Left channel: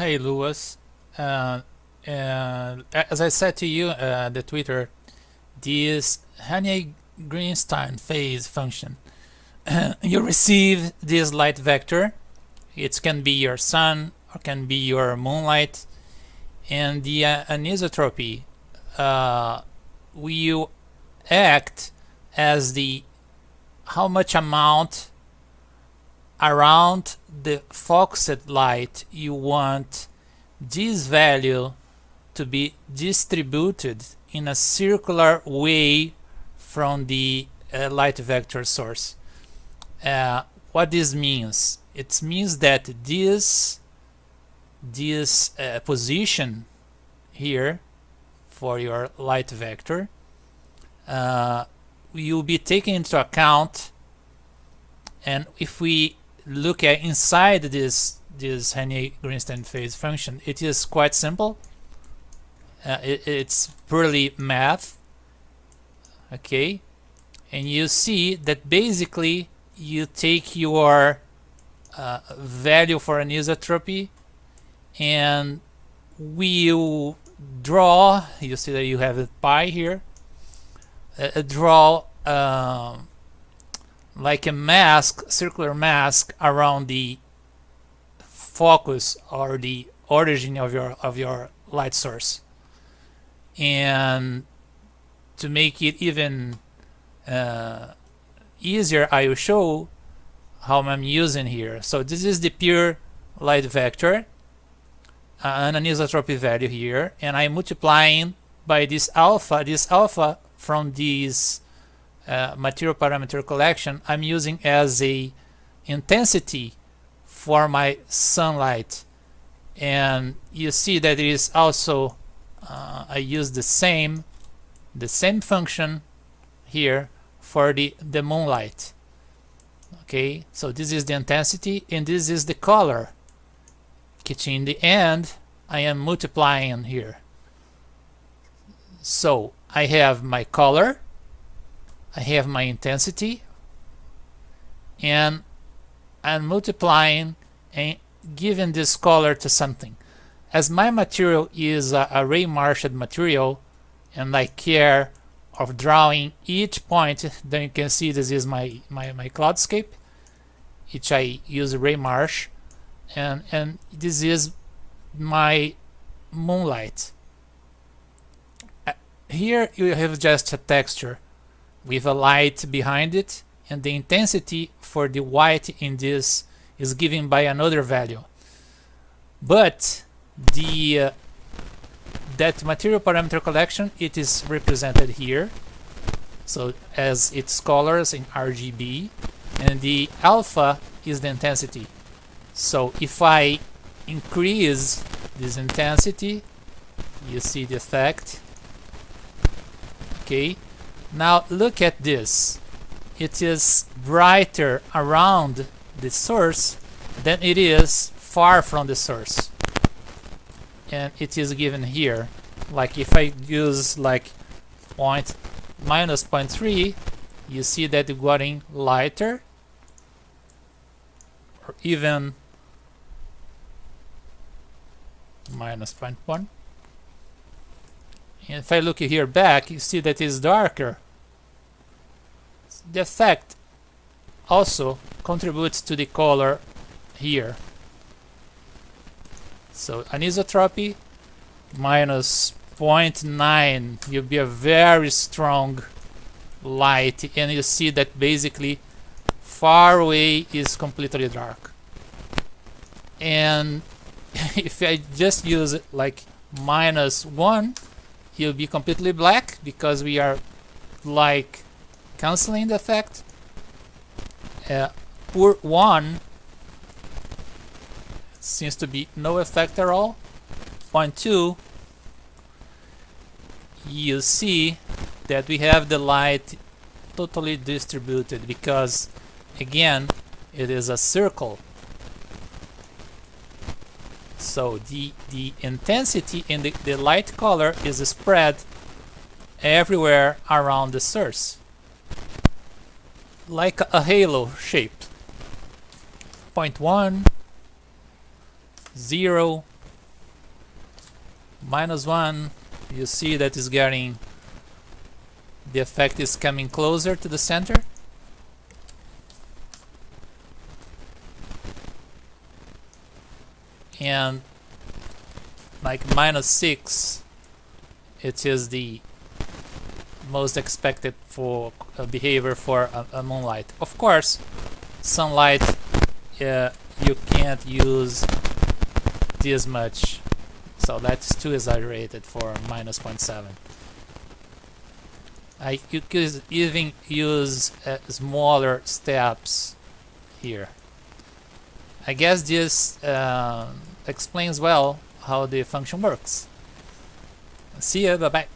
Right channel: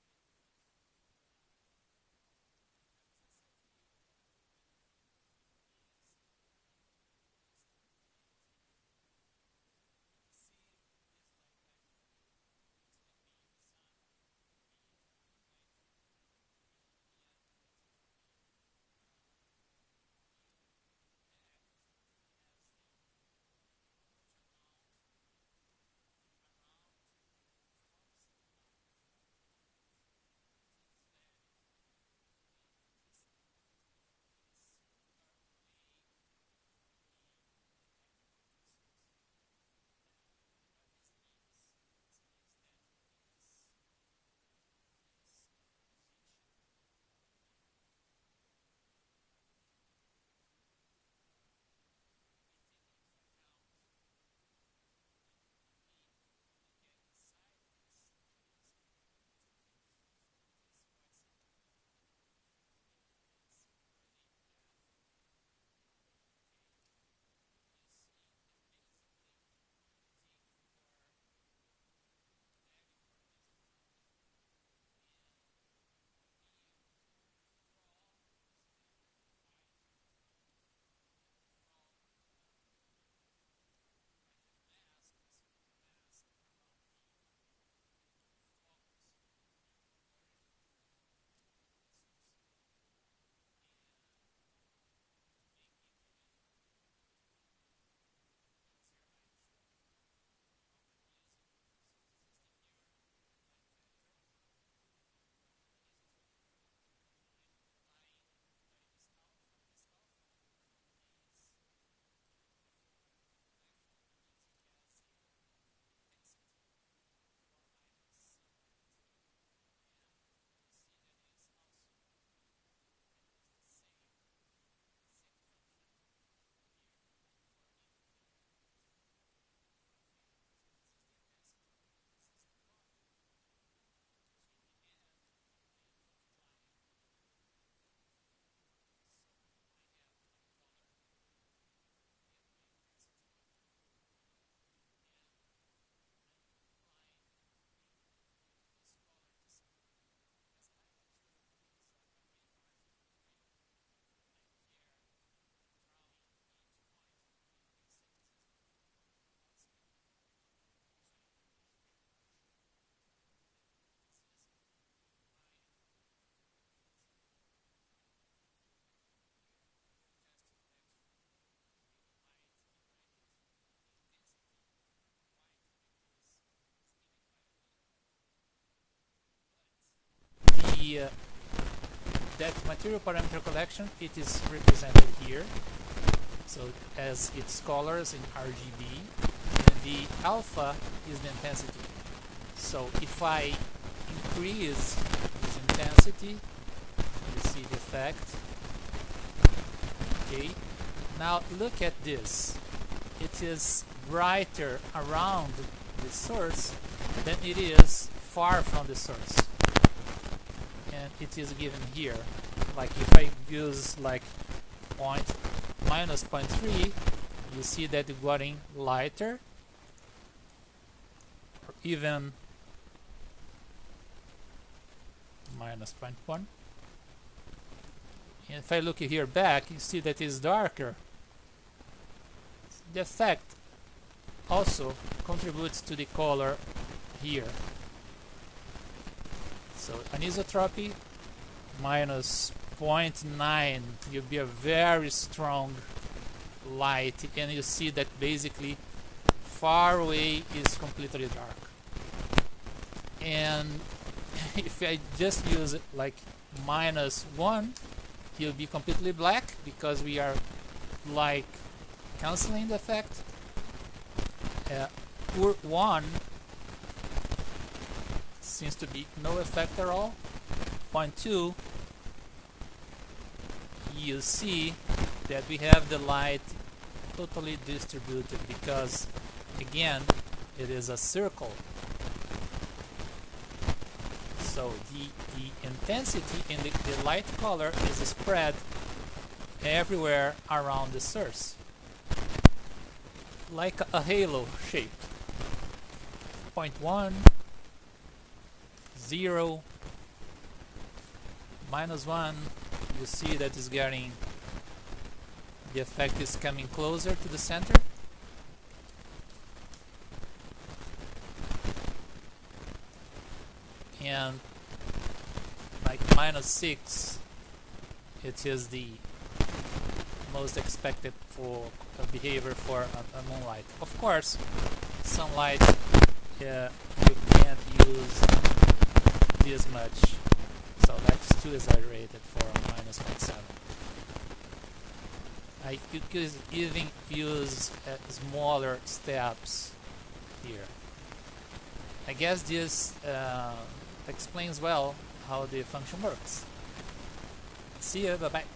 Hey Lewis, uh, as I said to you, the Twitter, this Henyey-Greenstein-Phase function, you receive this light vector. It can be your sun or can be your moonlight, and the anisotropy will act as the how much amount around the focused light you want this value to be distributed in a circular way from the light vector source. What this means? It means that this position here for your light vector will be taken into account, and if we look at inside this Henyey-Greenstein-Phase function, it is quite simple. It's purely math, okay? And you see that basically you take your value for anisotropy and we'll draw, you see that you have a pi here, draw like a mask, circular mask around the focus or the origin of your light source. And to make it even easier, I will show how I'm using here. So this is the pure light vector, an anisotropy value here, and I'm multiplying by this alpha from this material parameter collection I'm using as a intensity for my sunlight. And you see that it is also I use the same function here for the moonlight. Okay, so this is the intensity and this is the color, which in the end I am multiplying here. So I have my color, I have my intensity, and I'm multiplying and giving this color to something. As my material is a ray marshed material and I care of drawing each point, then you can see this is my cloudscape, which I use ray marsh, and this is my moonlight. Here you have just a texture with a light behind it, and the intensity for the white in this is given by another value. But that material parameter collection, it is represented here, so as its colors in RGB, and the alpha is the intensity. So if I increase this intensity, you see the effect. Okay, now look at this. It is brighter around the source than it is far from the source. And it is given here. Like if I use like minus 0.3, you see that it's getting lighter, or even minus 0.1. And if I look here back, you see that it's darker. The effect also contributes to the color here. So anisotropy minus 0.9, you'll be a very strong light, and you see that basically far away is completely dark. And if I just use it like minus 1, you'll be completely black because we are like canceling the effect. Pour 1 seems to be no effect at all. 0.2, you see that we have the light totally distributed because again it is a circle. So the intensity in the light color is spread everywhere around the source, like a halo shape. 0.1, 0, -1, you see that is getting, the effect is coming closer to the center. And like -6, it is the most expected for behavior for a moonlight. Of course, sunlight, you can't use this much, so that's too exaggerated for -0.7. You could even use smaller steps here. I guess this explains well how the function works. See ya, bye bye.